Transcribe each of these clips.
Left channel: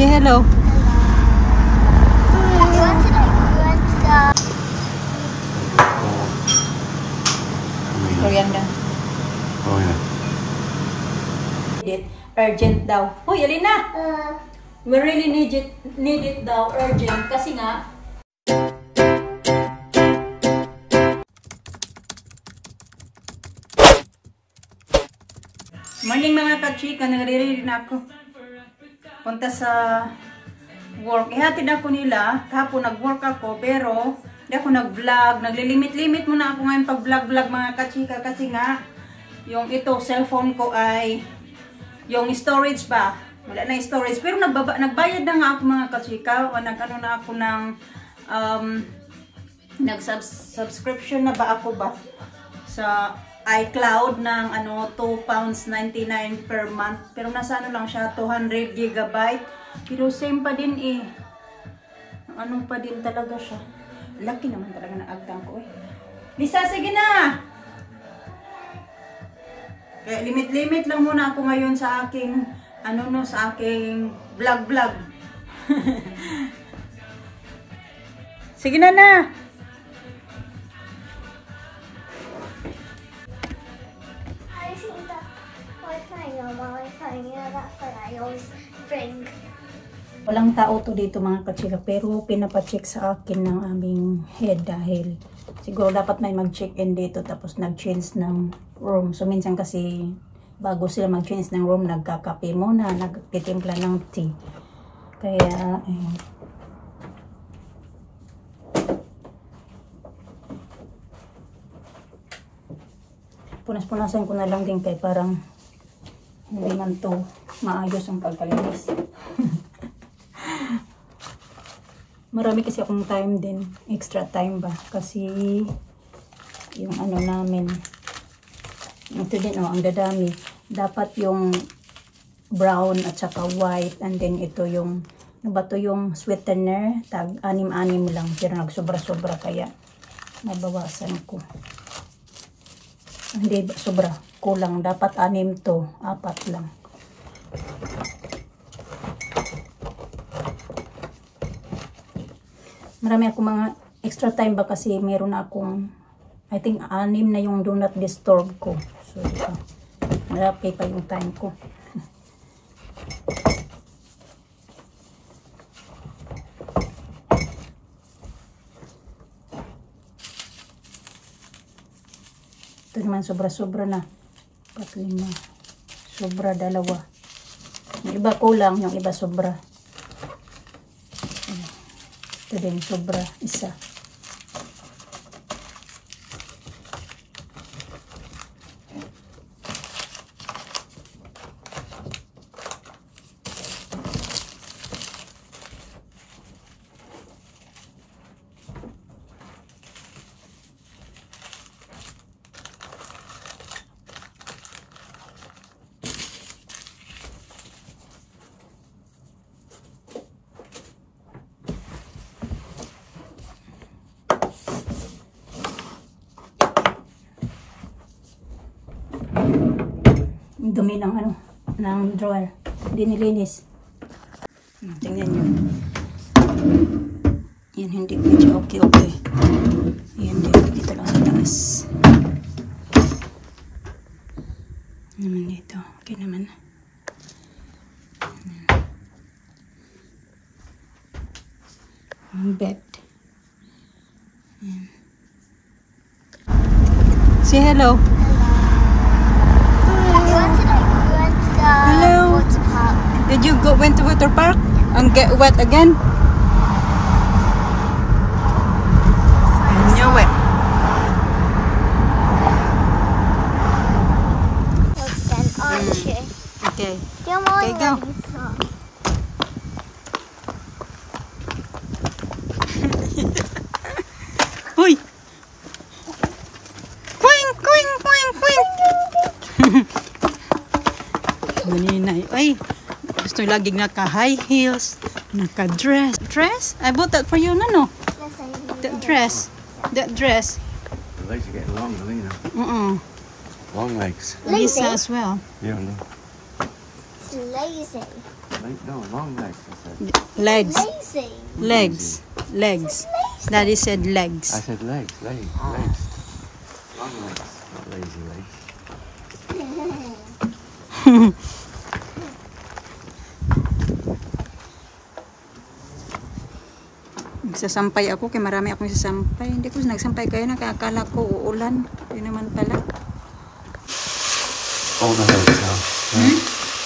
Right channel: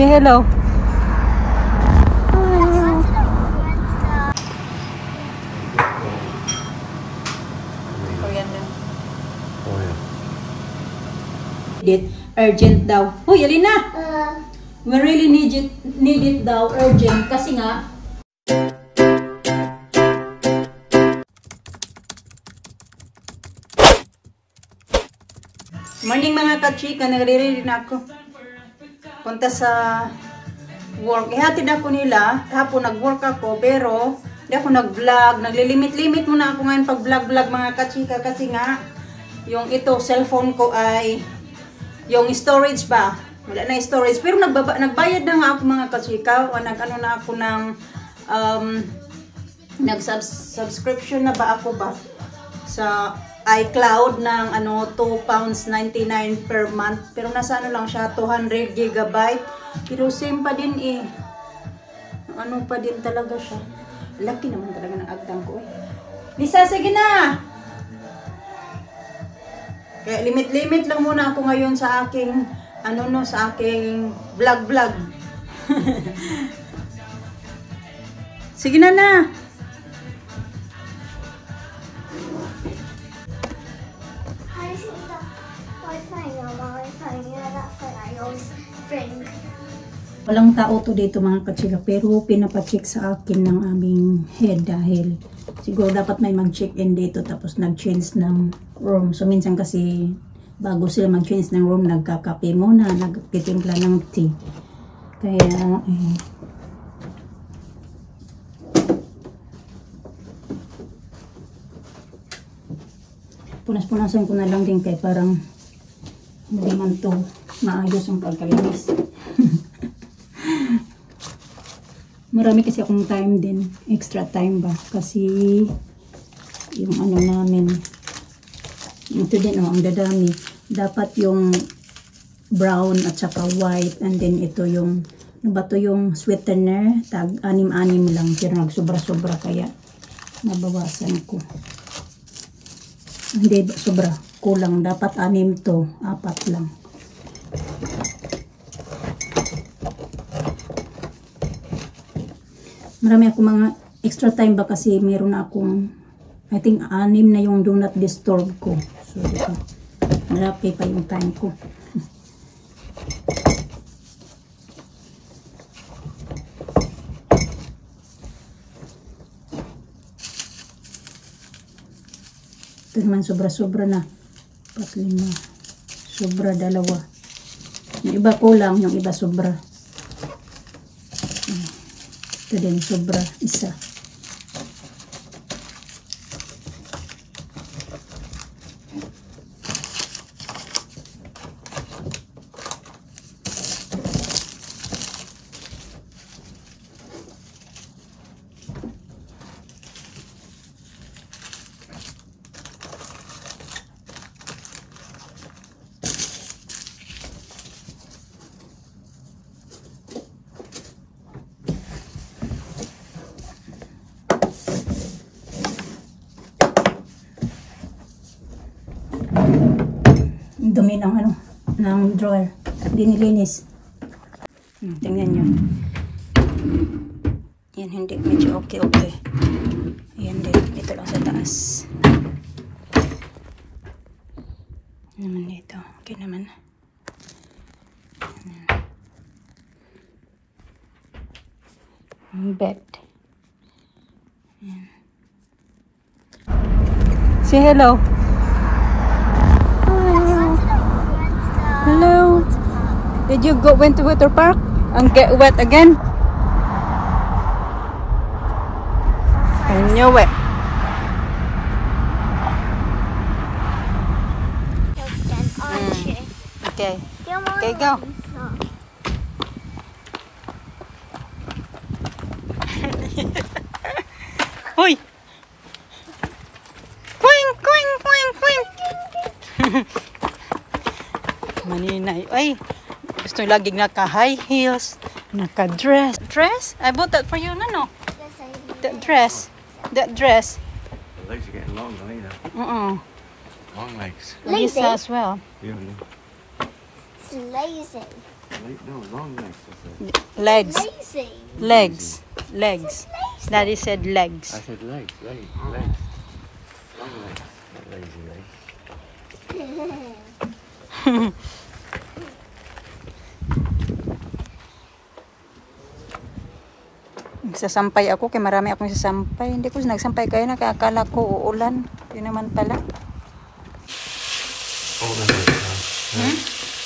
Say hello. Coriander. Oh yeah. Urgent daw. Hoy, Alina! We really need it daw, urgent. Kasi nga, morning mga kachika, nagre-ready na ako. Punta sa work. Ihatid ako nila. Kahapon nag-work ako, pero hindi ako nag-vlog. Naglilimit-limit muna ako ngayon pag-vlog-vlog mga kachika. Kasi nga, yung ito, cellphone ko ay, yung storage ba? Wala na storage. Pero nagbayad na nga ako mga kachika. Nag-ano na ako ng, nag-subscription na ba ako ba? Sa iCloud ng ano £2.99 per month, pero nasa ano lang siya 200 GB, pero same pa din eh, ano pa din talaga siya. Laki naman talaga ng agtang ko eh. Lisa, sige na, kaya limit lang muna ako ngayon sa aking ano no, sa aking vlog sige na. Walang tao to dito mga kachika, pero pinapacheck sa akin ng aming head dahil siguro dapat may mag-check-in dito tapos nag-change ng room. So minsan kasi bago sila mag-change ng room, nagkakape muna, nagtitimpla ng tea. Kaya punas-punasan ko na lang din kay parang hindi man to maayos ang pagkalinis. Marami kasi akong time din, extra time ba, kasi yung ano namin, ito din oh, ang dadami, dapat yung brown at saka white, and then ito yung, ano ba to, yung sweetener, tag 6 lang, pero nagsobra-sobra kaya nabawasan ko. Hindi sobra, kulang, dapat 6 to, 4 lang. Marami akong mga extra time ba kasi meron na akong, I think 6 na yung do not disturb ko. So dito, malaki pa yung time ko. Ito naman sobra-sobra na. 4, 5, sobra 2. Yung iba kulang, yung iba sobra. Ito din, sobra, 1. Dumi ng ano, ng drawer. Hindi nilinis. Tingnan nyo. Yan, hindi medyo okay. Yan din, dito lang sa taas. Naman dito, okay naman. Bed. Yan. Say hello. Hello. Did you went to water park and get wet again? I knew it. Okay. Okay, go. Hoy. Maninay. Ay, gusto laging naka-high heels, naka-dress. Dress? I bought that for you, no? That dress. That dress. The legs are getting long, Alina. Long legs. Lisa as well. Yeah, It's lazy. No, long legs. I said. Legs. Lazy. Legs. Legs. Daddy said I legs. said legs. Legs. Long legs. Not lazy legs. Nagsasampay ako kay marami akong sasampay. Hindi ko nagsampay kayo, nakakala ko uulan. Hindi naman pala. All the herbs now.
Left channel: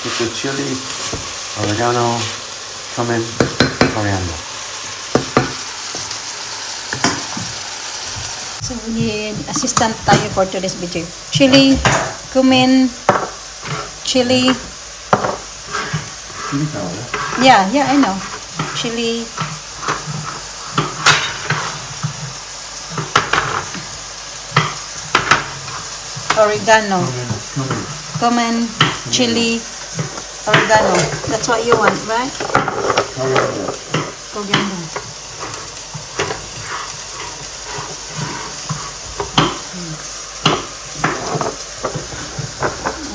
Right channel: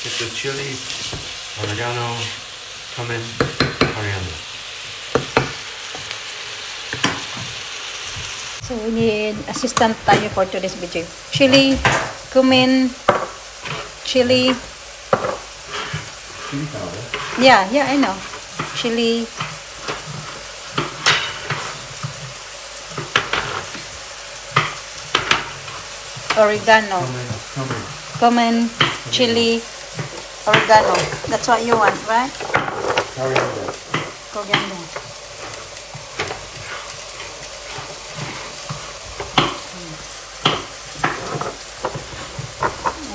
Get the chili, oregano, cumin, coriander. So we need assistant tayo for today's video. Chili, cumin, chili. Chili powder. Yeah, I know. Chili. Oregano. Cumin, chili, oregano. That's what you want, right? Coriander.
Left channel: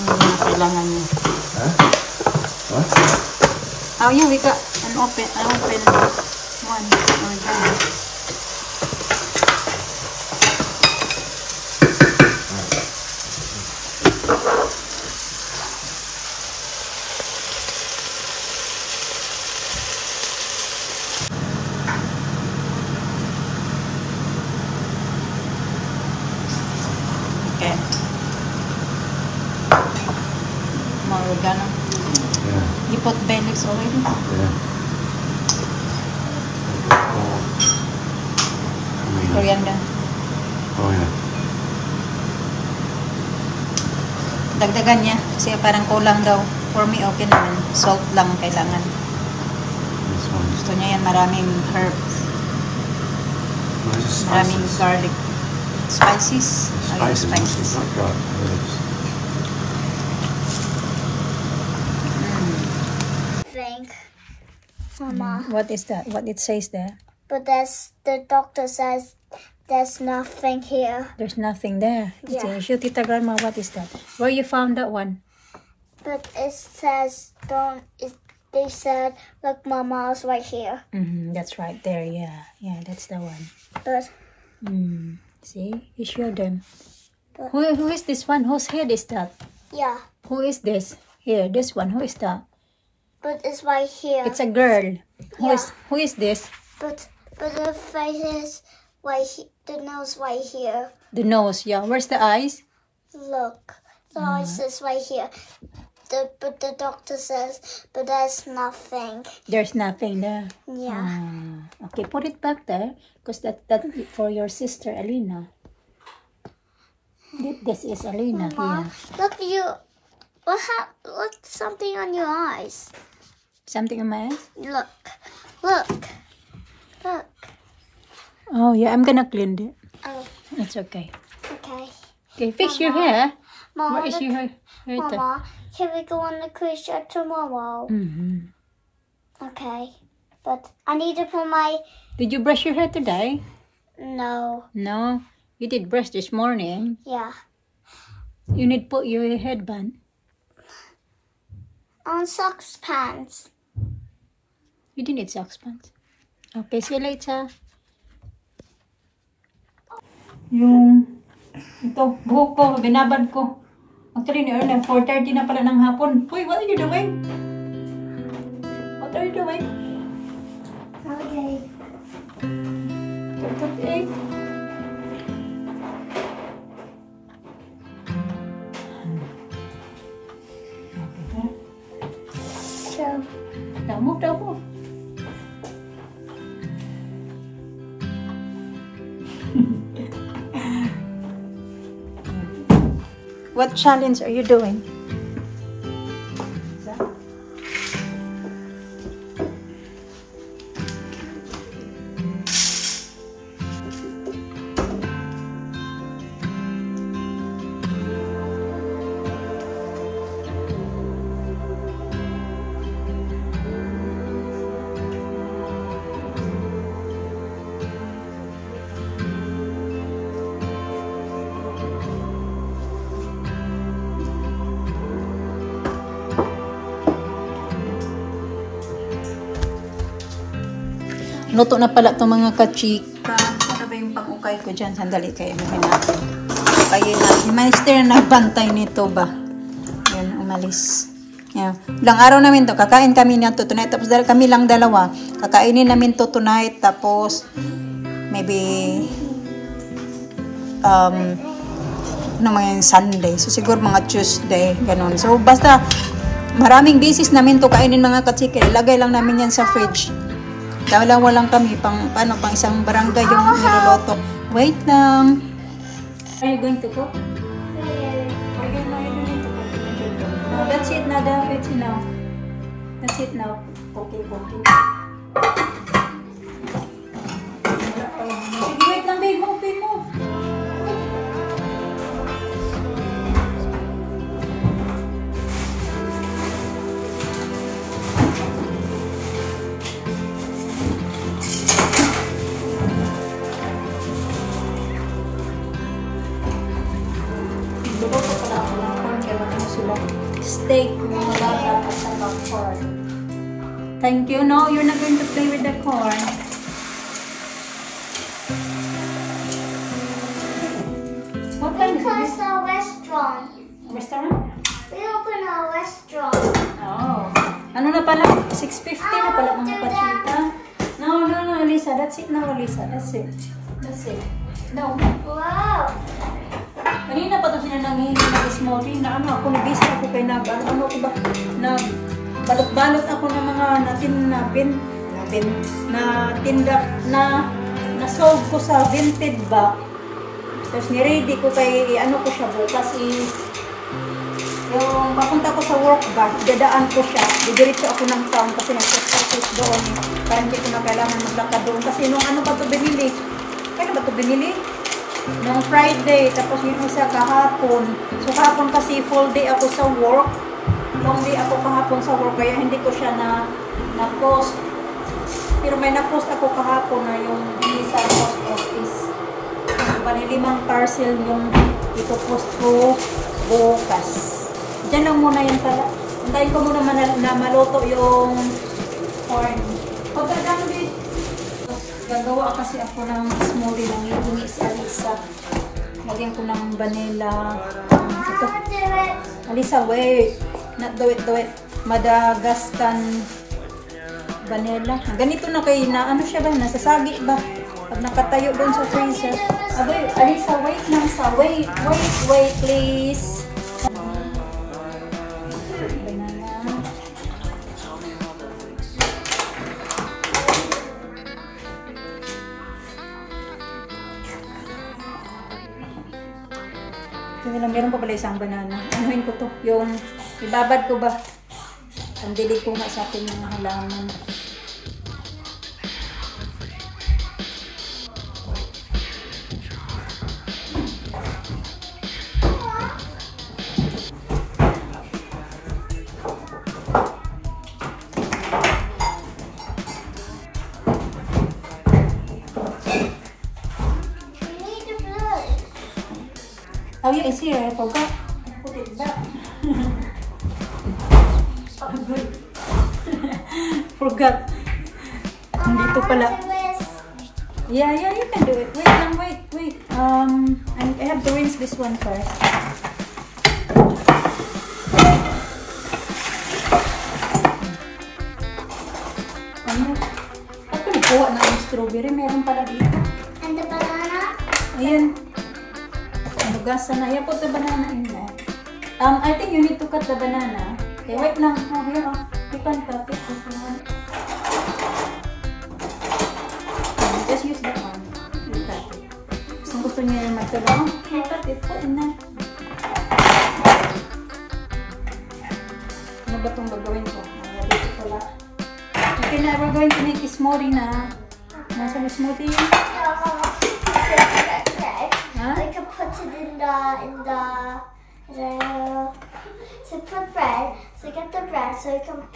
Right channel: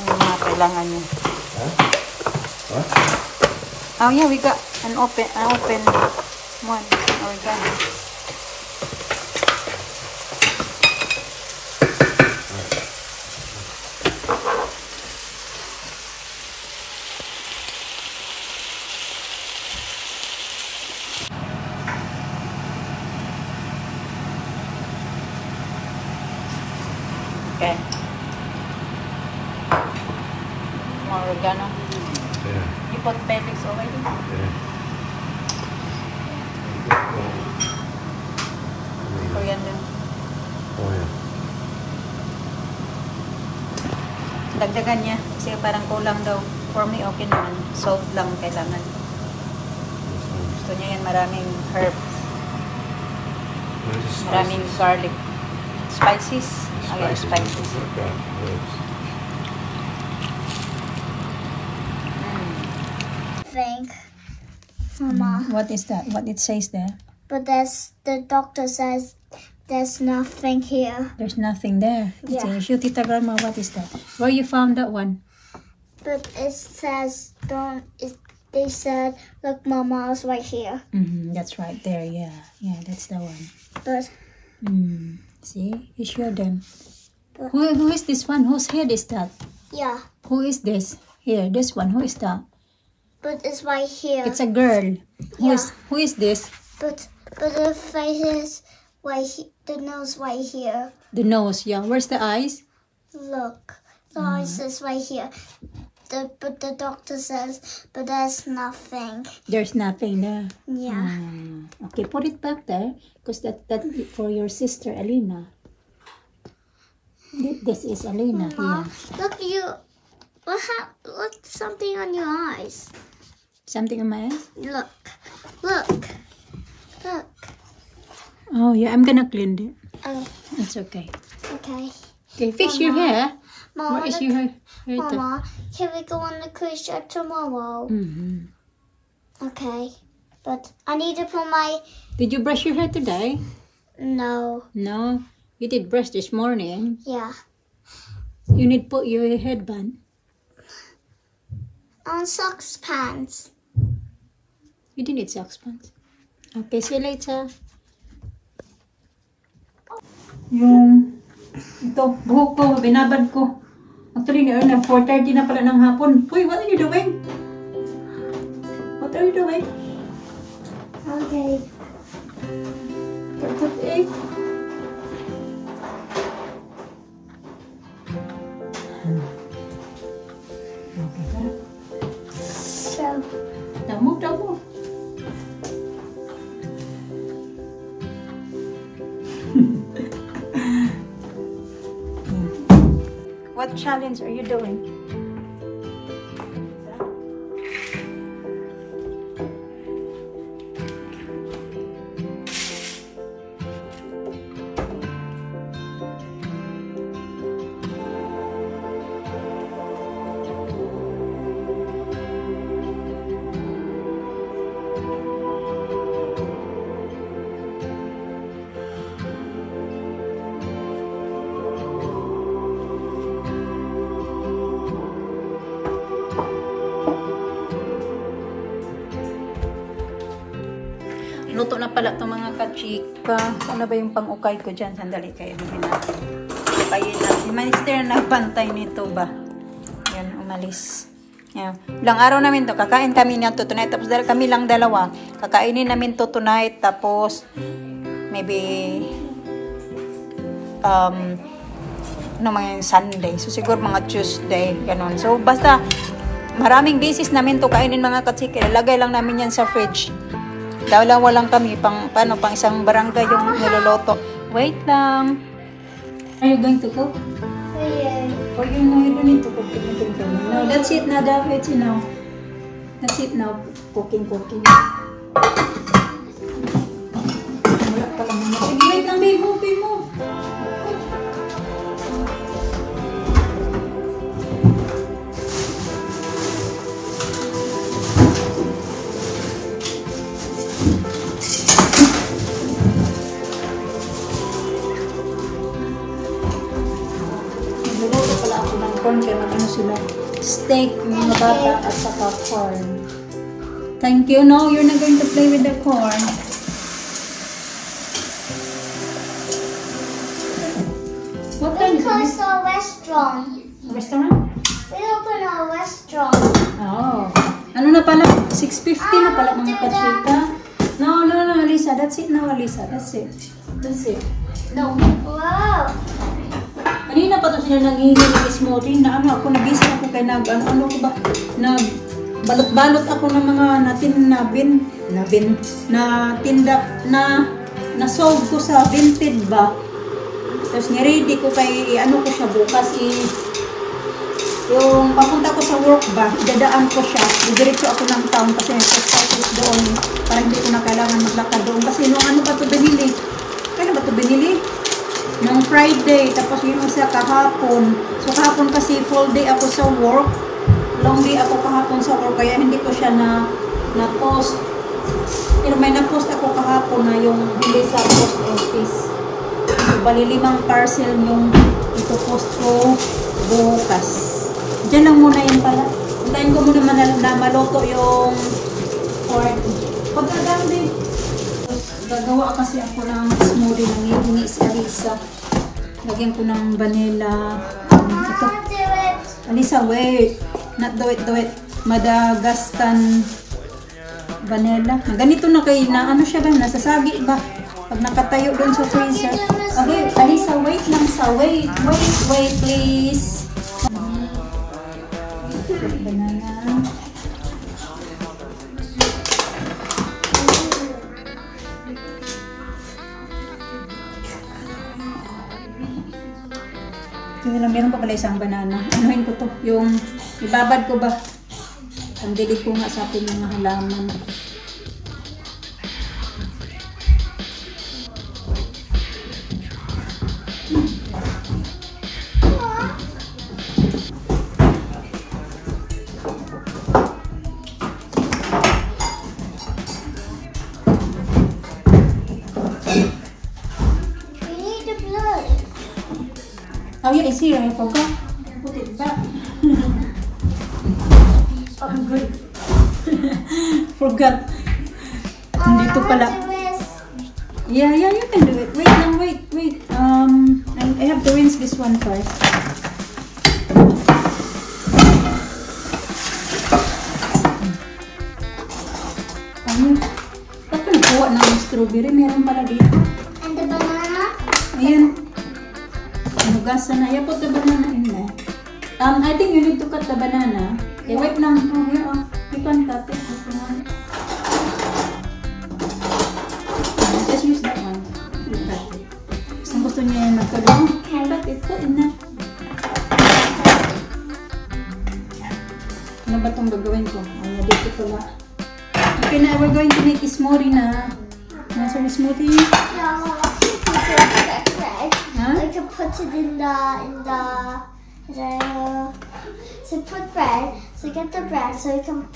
Mga kailangan niya. Oh yeah, we got an open one oregano. Okay. More oregano. Yeah. You put bay leaves already? Yeah. Coriander. Oh yeah. Dagdagan niya. Kasi parang kulang daw. For me, okay naman. Salt lang kailangan. This one. Gusto niya yan maraming herbs. Where's the Maraming spices? garlic. Spices? Oh yeah, spices. Not garlic, herbs. Think, Mama. What is that? What it says there? But the doctor says there's nothing here. There's nothing there. Yeah. Show Tita Grandma, what is that? Where you found that one? But it says don't. They said look, Mama's right here. That's right there. Yeah, that's the one. But See, you show them. Who is this one? Whose head is that? yeah, Who is this? Here, this one. Who is that? but it's right here. It's a girl. Yeah. Who is this? But the face is right. The nose right here. The nose. Yeah. Where's the eyes? Look, the eyes is right here. But the doctor says, but there's nothing. There's nothing there. Yeah. Okay, put it back there, because that's for your sister Alina. This is Alina here. Look, you. Look, something on your eyes. Something on my eyes? Look. Oh yeah, I'm gonna clean it. Oh, It's okay. okay. Okay, fix your hair. Mama, What is your hair? Mama, can we go on the cruise ship tomorrow? Okay. But I need to put my... Did you brush your hair today? No. No, you did brush this morning. Yeah. You need to put your headband. On socks pants. You didn't need socks pants. Okay, see you later. Ito, buhok ko, binabad ko. Actually, ni Erna, 4:30 na pala ng hapon. Uy, what are you doing? What are you doing? Okay. What's up, eh? Okay, tara. So, Damo. What challenge are you doing? Luto na pala itong mga kachika. Ano ba yung pang-ukay ko dyan? Sandali kayo. Anuhin natin. Ukayin natin. Si Master na nagbantay nito ba? Yan, umalis. Yan. Ilang araw namin to. Kakain kami nito tonight. Tapos dahil kami lang dalawa, kakainin namin to tonight. Tapos, maybe, ano mga Sunday. So, siguro mga Tuesday. Ganun. So, basta, maraming beses namin to kainin mga kachika. Ilagay lang namin yan sa fridge. Dalawa lang kami. Pang isang barangay yung niloloto. Wait lang. Are you going to cook? Yeah. Or you need to cook? No, that's it now. That's it now. That's it now. Cooking. Wala pa lang. Wait lang, babe. Move. Steak, yung mga bata at saka corn. Thank you. No, you're not going to play with the corn. What time is Because this? a restaurant. Restaurant? We open a restaurant. Oh. Ano na pala? 6:50 na pala mga kachika. No, Alisa. That's it now, Alisa. That's it. No. Wow. Kanina pa to sila nanghihingi ng smoothie na ako nabisi ako kay ano ko ba na balot-balot ako ng mga na tinda na sold ko sa Vinted ba. Tapos ni-ready ko kay ano ko siya bukas yung papunta ko sa work ba, dadaan ko siya. Didiretso ako ng town kasi nagsasatos doon para hindi ko na kailangan maglakad doon kasi nung ano ba to binili? Kailan ba to binili? Nung Friday, tapos yung isa kahapon. So kahapon kasi full day ako sa work. Long day ako kahapon sa work, kaya hindi ko siya na-post. Pero may na-post ako kahapon na yung hindi sa post office. So bali 5 parcel yung ito-post ko bukas. Diyan lang muna yun pala. Hintayin ko muna na maluto yung corn. Pagkaganda gagawa kasi ako ng smoothie ng hihingi si Alisa. Lagyan ko ng vanilla. Ito. Alisa, wait. Not do it. Madagascan vanilla. Ganito na kay na ano siya ba? Nasasagi ba? Pag nakatayo doon sa freezer. Okay, Alisa, wait lang sa. Wait, please. Meron pa pala isang banana. Anuhin ko to. Yung ibabad ko ba? Ang dilig ko nga sa atin yung mga halaman. Oh yeah, it's here. I forgot. Put it back. Oh, good. Forgot. Dito pala. Yeah, you can do it. Wait lang, wait. I have to rinse this one first. Bakit nagkuha ng strawberry? Meron pala dito. And the banana? Ayan. Gasa na. Yeah, put the banana in there. I think you need to cut the banana. Okay, wait lang. Oh, yeah. You can cut it. Just use that one. Cut it. Kung gusto niya yung magkalong, cut it. Put in na. Ano ba itong gagawin ko? Dito pula. Okay na, we're going to make a smoothie na. Nasa yung smoothie? Huh? We can put it in the to put bread. So get the bread so you can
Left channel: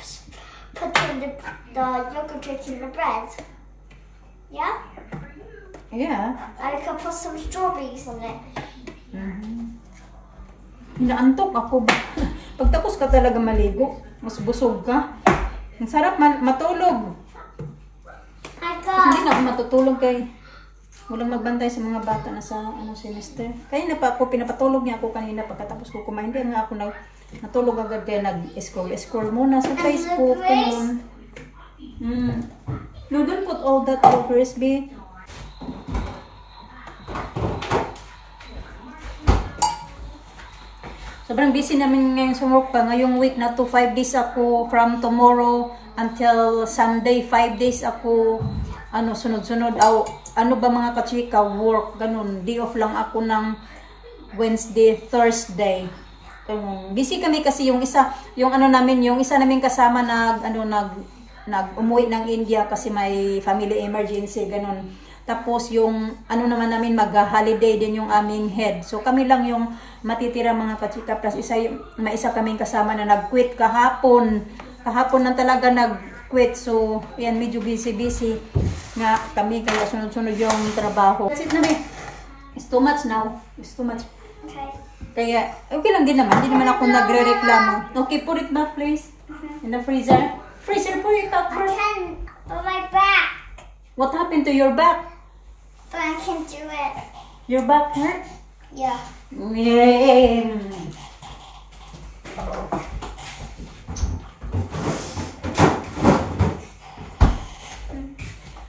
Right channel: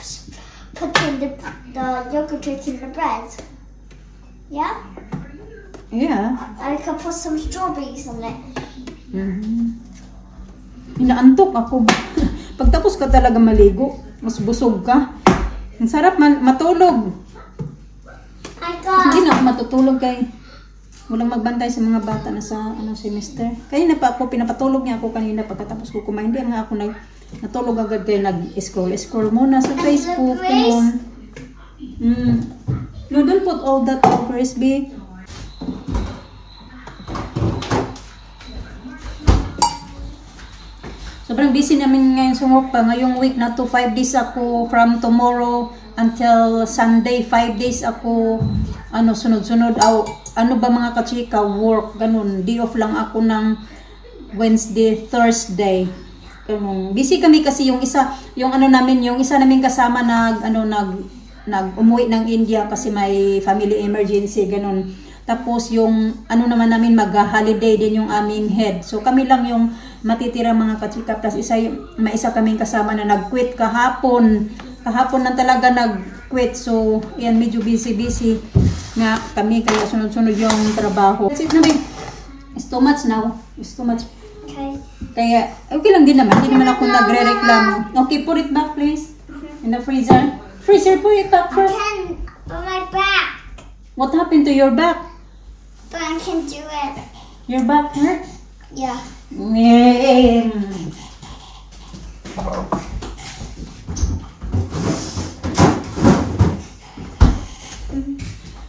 put in the yogurt drink in the bread. Yeah? Yeah. And you can put some strawberries in it. Inaantok ako. Pagtapos ka talaga maligo, mas busog ka. Ang sarap matulog. Hindi na ako matutulog kay walang magbantay sa mga bata na sa semester. Kaya na pa ako, pinapatulog niya ako kanina pagkatapos ko kumain. Hindi nga ako natulog agad kaya nag-scroll muna sa Facebook. No, don't put all that to crispy. Sobrang busy namin ngayon sa work pa. Ngayong week na to, 5 days ako from tomorrow until Sunday, 5 days ako sunod-sunod. Ano ba mga kachika, work, ganun. Day off lang ako ng Wednesday, Thursday. Ganun. Busy kami kasi yung isa namin kasama umuwi ng India kasi may family emergency, ganun. Tapos yung naman namin mag-holiday din yung aming head. So kami lang yung matitira mga kachika. Plus may isa kaming kasama na nag-quit kahapon. Kahapon na talaga nag-quit. So yan, medyo busy nga kami kaya sunod-sunod yung trabaho. That's it na ba? It's too much now. It's too much. Okay. Kaya okay lang din naman. Hindi naman ako nagre-reklamo. Okay, put it back please. In the freezer. Freezer, put it back first. I can, but my back. What happened to your back? But I can do it. Your back hurt? Yeah.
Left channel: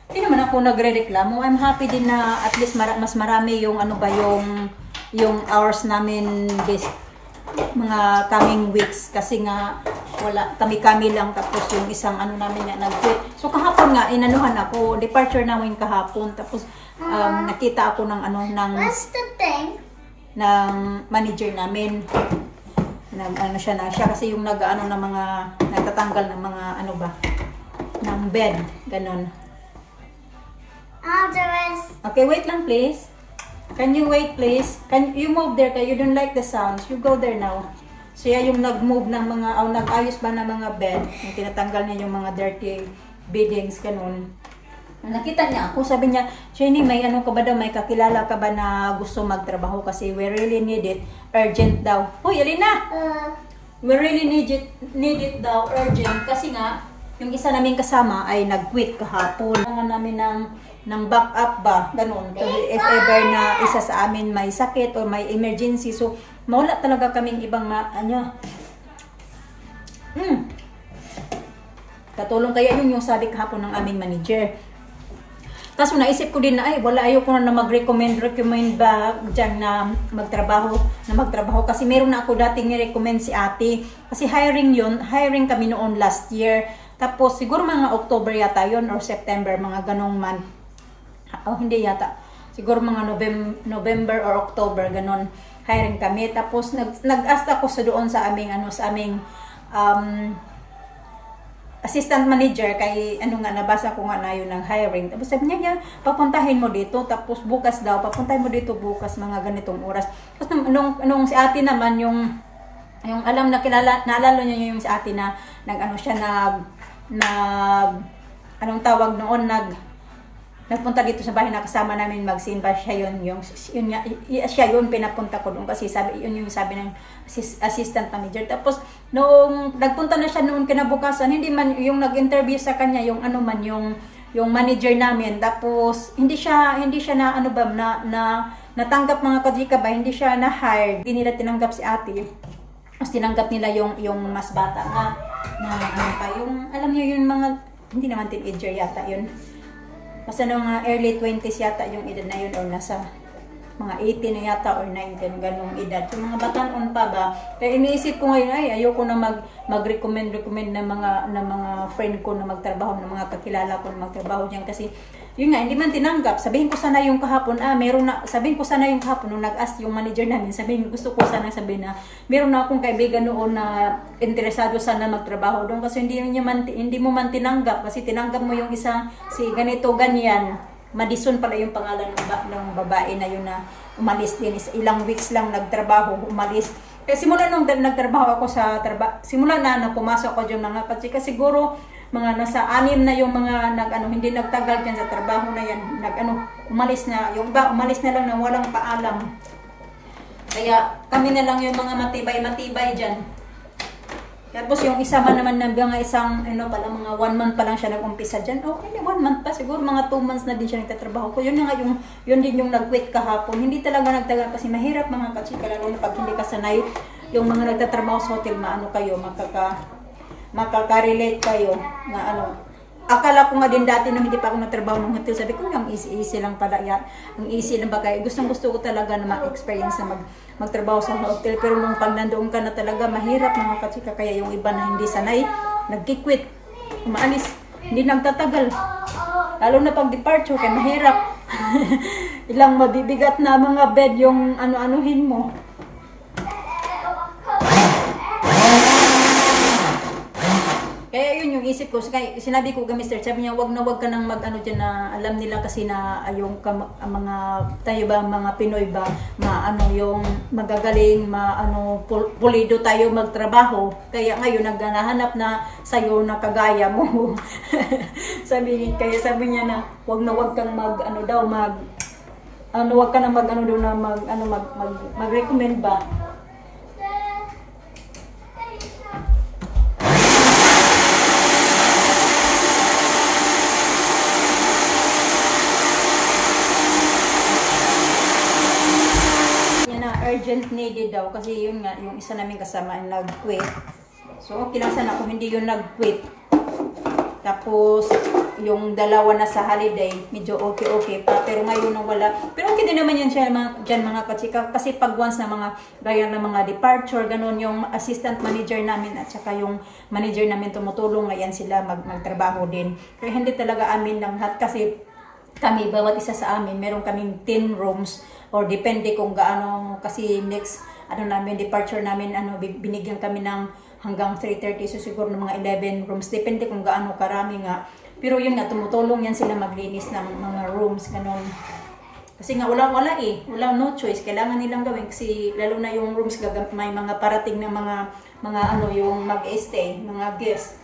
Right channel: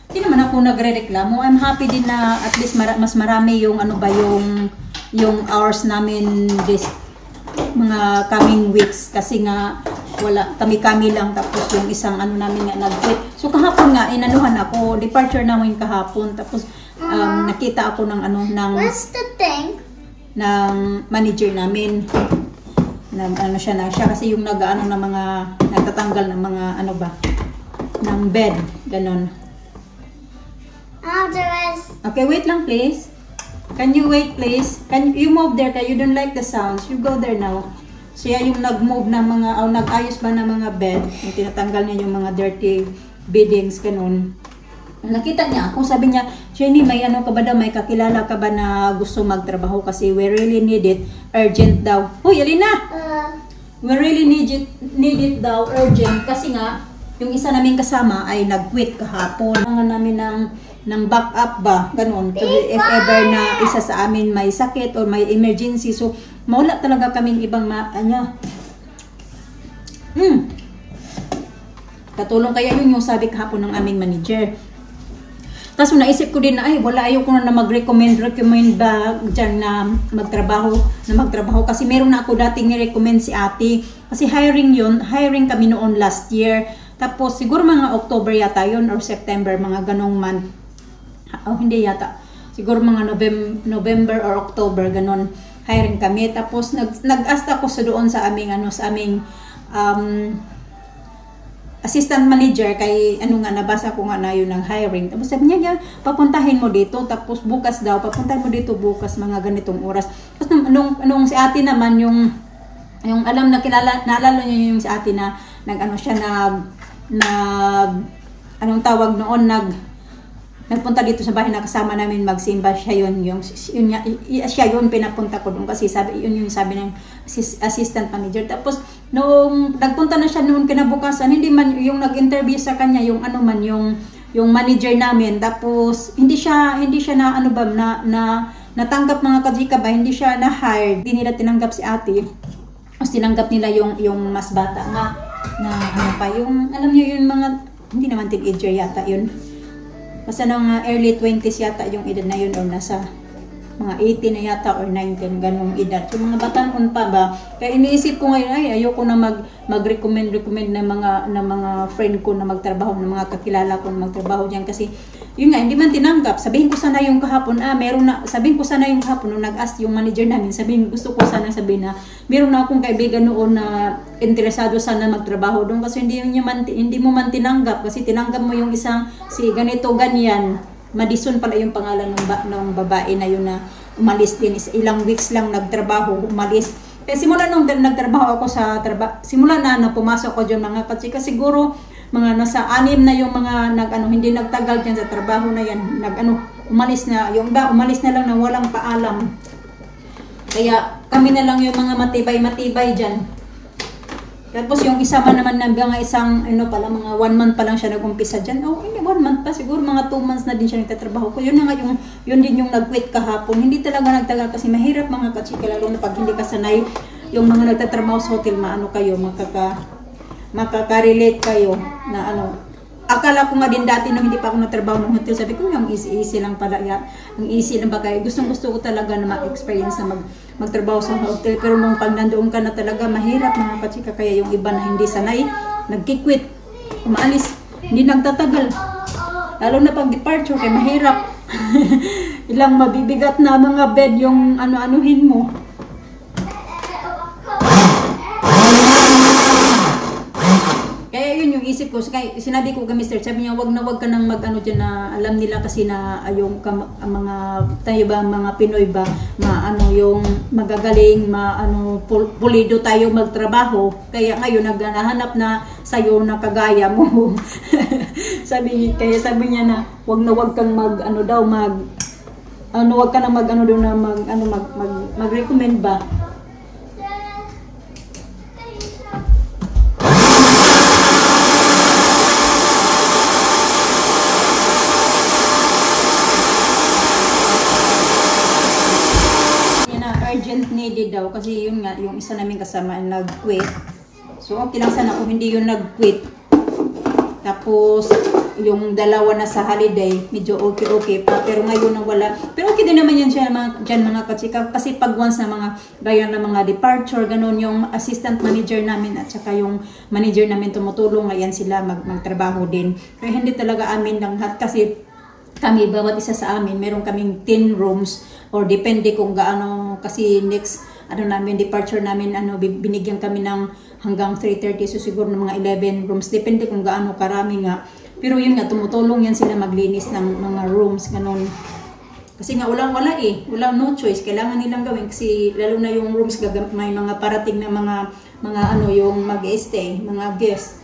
Hindi naman ako nagre-reklamo. I'm happy din na at least mas marami yung yung hours namin this mga coming weeks kasi nga kami lang tapos yung isang namin nga nag-quit. So kahapon nga inanuhan ako, departure namin kahapon tapos nakita ako ng What's the thing? ng manager namin. Siya kasi yung ng mga nagtatanggal ng mga ng bed, ganun. I'll do it. Okay, wait lang please. Can you wait please? Can you move there kaya you don't like the sounds? You go there now. Siya yung nag-move ng mga nag-ayos ba ng mga bed, yung tinatanggal niya yung mga dirty beddings, ganun. Nakita niya ako, sabi niya, Jenny, may ka ba daw, may kakilala ka ba na gusto magtrabaho kasi we really need it, urgent daw. Hoy, Alina! We really need it daw, urgent, kasi nga, yung isa naming kasama ay nag-quit kahapon. Mga namin ng backup ba, ganun. If ever na isa sa amin may sakit or may emergency, so mawala talaga kaming ibang katulong kaya yun yung sabi kahapon ng aming manager. Tapos naisip ko din na ayaw ko na mag-recommend ba dyan na magtrabaho kasi meron na ako dating ni-recommend si ate kasi hiring kami noon last year. Tapos siguro mga October yata yon or September, mga ganong month. Hindi yata. Siguro mga November or October, ganon. Hiring kami. Tapos nag-ask ako doon sa aming assistant manager kay nabasa ko nga na yun ng hiring. Tapos sabi niya, papuntahin mo dito. Tapos bukas daw, papuntahin mo dito bukas mga ganitong oras. Tapos nung si ate naman, yung alam na naalala niya yung si ate na nagpunta dito sa bahay na kasama namin magsimba. Siya yun pinapunta ko doon kasi yun yung sabi ng assistant manager. Tapos nung nagpunta na siya noon kinabukasan, hindi man yung nag-interview sa kanya yung yung manager namin. Tapos hindi siya na natanggap mga kajika ba, hindi siya na-hired. Hindi nila tinanggap si ate. Tapos tinanggap nila yung mas bata nga na yung alam niyo yung mga hindi naman teenager yata yun. Basta mga early 20s yata yung edad na yun or nasa mga 18 na yata or 19 ganung edad. So mga batanon pa ba? Kaya iniisip ko ngayon ayoko na mag-recommend ng mga friend ko na magtrabaho, ng mga kakilala ko na magtrabaho diyan kasi yun nga hindi man tinanggap. Sabihin ko sana yung kahapon nung nag-ask yung manager namin, gusto ko sana sabihin na meron na akong kaibigan noon na interesado sana magtrabaho doon kasi hindi mo man tinanggap kasi tinanggap mo yung isang si ganito ganyan. Madison pala yung pangalan ng babae na yun na umalis din. Ilang weeks lang nagtrabaho, umalis. Kaya simula nung nagtrabaho ako simula na pumasok ko dyan mga katsika, siguro mga nasa 6 na yung mga hindi nagtagal dyan sa trabaho na yan. Umalis na. Yung iba, umalis na lang na walang paalam. Kaya kami na lang yung mga matibay dyan. Tapos yung isa man naman na mga isang, ano pala, mga 1 month pa lang siya nag-umpisa dyan. Oh, hindi, 1 month pa. Siguro mga 2 months na din siya nagtatrabaho ko. Yun na nga yun din yung nag-quit kahapon. Hindi talaga nagtagal kasi mahirap mga kachika, lalo na pag hindi ka sanay. Yung mga nagtatrabaho sa hotel, maano kayo, makaka-relate kayo na ano. Akala ko nga din dati nung hindi pa ako nagtrabaho ng hotel, sabi ko yung easy lang pala yan. Ang easy lang ba kaya gusto ko talaga na ma-experience na magtrabaho sa hotel. Pero nung pag nandoon ka na talaga, mahirap mga kachika. Kaya yung iba na hindi sanay, nagkikwit, umaalis, hindi nagtatagal. Lalo na pag departure, kaya mahirap. Ilang mabibigat na mga bed yung ano-anuhin mo. Kaya yun yung isip ko. Sinabi ko kay Mr. Sabi niya, wag ka nang mag-ano dyan na alam nila kasi na yung mga tayo ba, mga Pinoy ba, yung magagaling, pulido tayo magtrabaho. Kaya ngayon naghahanap na sa'yo na kagaya mo. sabi niya na wag kang mag-recommend ba. Urgent needed daw kasi yun nga yung isa namin kasama ay nag-quit. So okay lang sana kung hindi yun nag-quit. Tapos yung dalawa na sa holiday, medyo okay pa, pero ngayon na wala. Pero okay din naman yan dyan mga kachika kasi pag once na mga gaya na mga departure, ganun yung assistant manager namin at saka yung manager namin tumutulong, ngayon sila magtrabaho din. Kaya hindi talaga amin lang lahat kasi kami, bawat isa sa amin, meron kaming 10 rooms or depende kung gaano kasi next departure namin binigyan kami ng hanggang 3:30 so siguro ng mga 11 rooms depende kung gaano karami nga. Pero yun nga tumutulong yan sila maglinis ng mga rooms ganun. Kasi nga walang no choice, kailangan nilang gawin kasi lalo na yung rooms may mga parating na mga yung mag-stay, mga guests.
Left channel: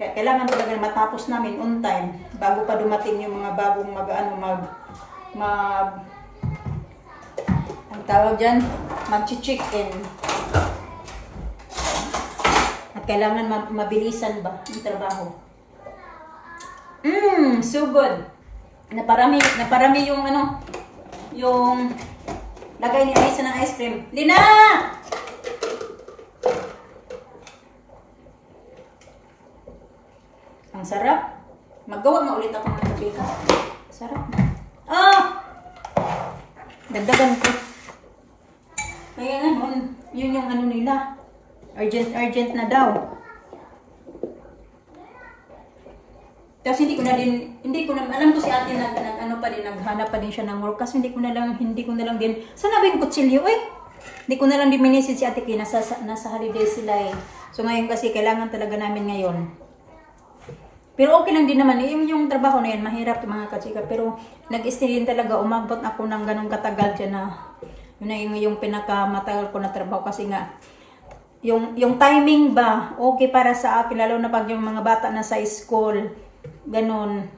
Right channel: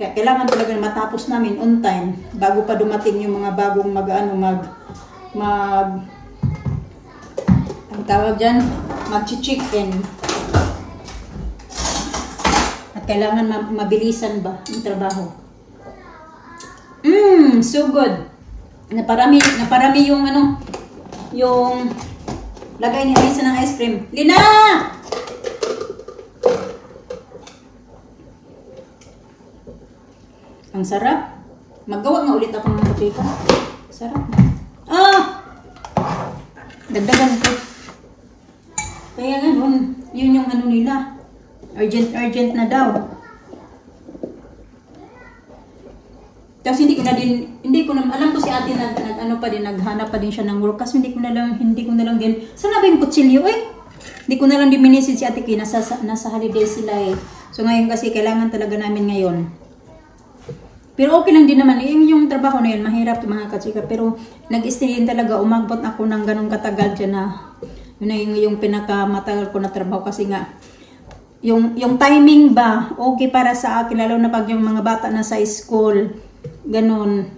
Kaya kailangan talaga na matapos namin on time bago pa dumating yung mga bagong ang tawag dyan, mag-check-in. At kailangan mabilisan ba ang trabaho. So good. Naparami yung yung lagay ni Alisa ng ice cream. Lina! Ang sarap. Maggawa nga ulit ako ng kachika. Sarap. Dagdagan ko. Kaya nga, yun yung nila. Urgent na daw. Tapos hindi ko na alam ko si ate naghanap pa din siya ng work kasi hindi ko na lang din. Sana ba yung kutsilyo Hindi ko na lang din minisid si ate kaya nasa holiday sila So ngayon kasi kailangan talaga namin ngayon. Pero okay lang din naman. Yung trabaho na yan, mahirap mga kachika. Pero nag-stay din talaga. Umagbot ako ng ganong katagal dyan na yun yung pinakamatagal ko na trabaho. Kasi nga, yung timing ba, okay para sa akin. Lalo na pag yung mga bata na sa school. Ganon.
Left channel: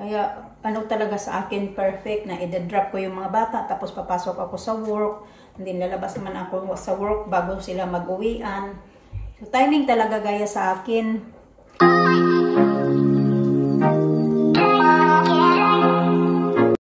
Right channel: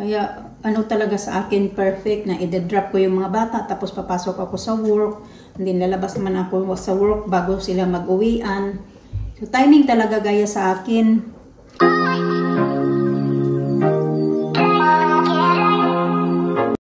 Kaya talaga sa akin perfect na i-drop ko yung mga bata. Tapos papasok ako sa work. Hindi lalabas naman ako sa work bago sila mag-uwian. So, timing talaga gaya sa akin.